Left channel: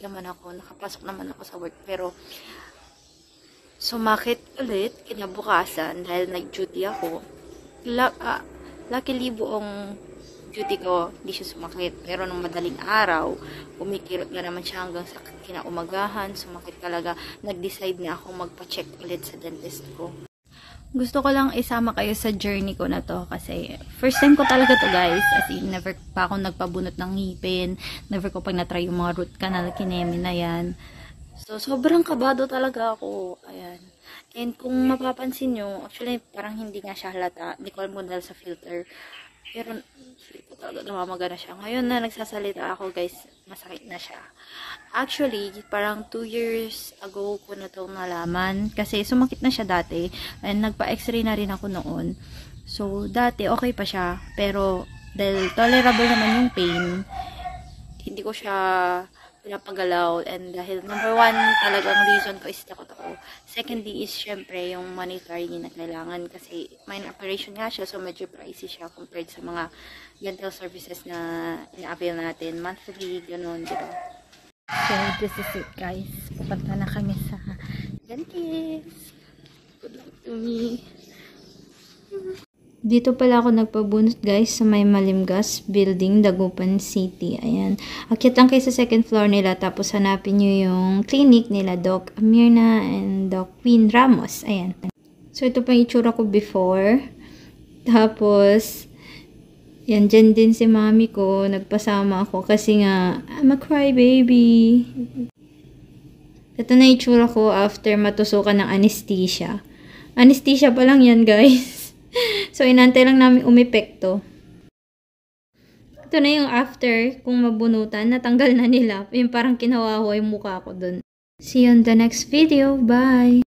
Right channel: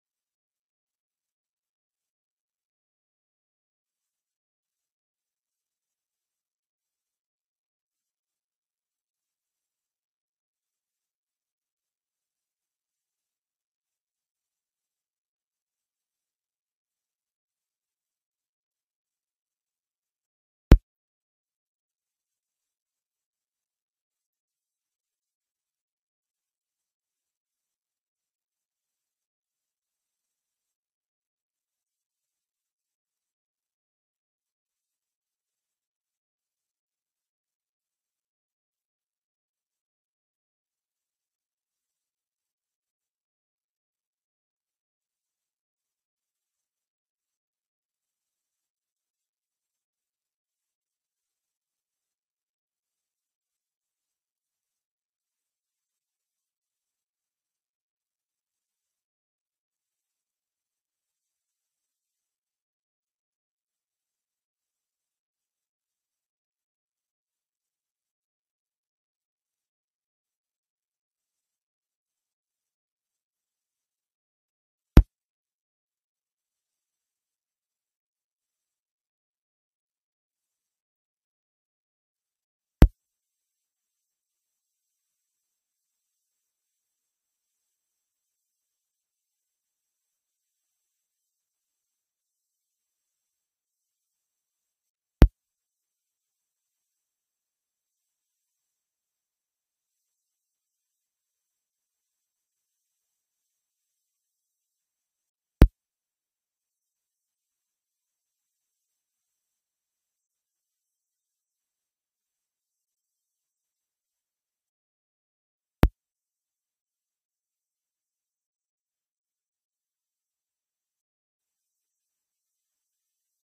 naman ako, nakapasok naman ako sa work, pero sumakit ulit kinabukasan dahil nag-duty ako. Luckily buong duty ko, hindi siya sumakit. Pero nung madaling araw, kumikirot na naman siya hanggang sa kinaumagahan, sumakit talaga. Nag-decide na ako magpa-check ulit sa dentist ko. Gusto ko lang isama kayo sa journey ko na to kasi first time ko talaga to guys, as in never pa ako nagpabunot ng ngipin, never ko pag na-try yung mga root canal kinemi na yan. So sobrang kabado talaga ako, ayan. And kung mapapansin nyo, actually parang hindi nga siya halata, hindi ko alam kung dahil sa filter, pero feel ko talaga namamaga na siya. Ngayon na nagsasalita ako guys, masakit na siya. Actually, parang 2 years ago ko na itong nalaman. Kasi sumakit na siya dati. And nagpa-x-ray na rin ako noon. So, dati okay pa siya. Pero, dahil tolerable naman yung pain, hindi ko siya pinapagalaw. And dahil number 1 talagang reason ko is takot ako. Secondly is syempre yung monetary na kailangan. Kasi minor operation nga siya. So, medyo pricey siya compared sa mga dental services na ina-avail natin. Monthly, ganun, diba? So, this is it guys. Pupunta na kami sa dentist. Good luck to me. Dito pala ako nagpabunot guys sa may Malimgas Building, Dagupan City. Ayan. Akyat lang kayo sa second floor nila tapos hanapin nyo yung clinic nila Doc Amirna and Doc Queen Ramos. Ayan. So, ito pa yung itsura ko before. Tapos, yan, dyan din si mami ko, nagpasama ako kasi nga, I'm a crybaby. Ito na itsura ko after matusukan ng anesthesia. Anesthesia pa lang yan, guys. So, inantay lang namin umepekto. Ito na yung after, kung mabunutan, natanggal na nila. Yung parang kinawawa yung mukha ko dun. See you on the next video. Bye!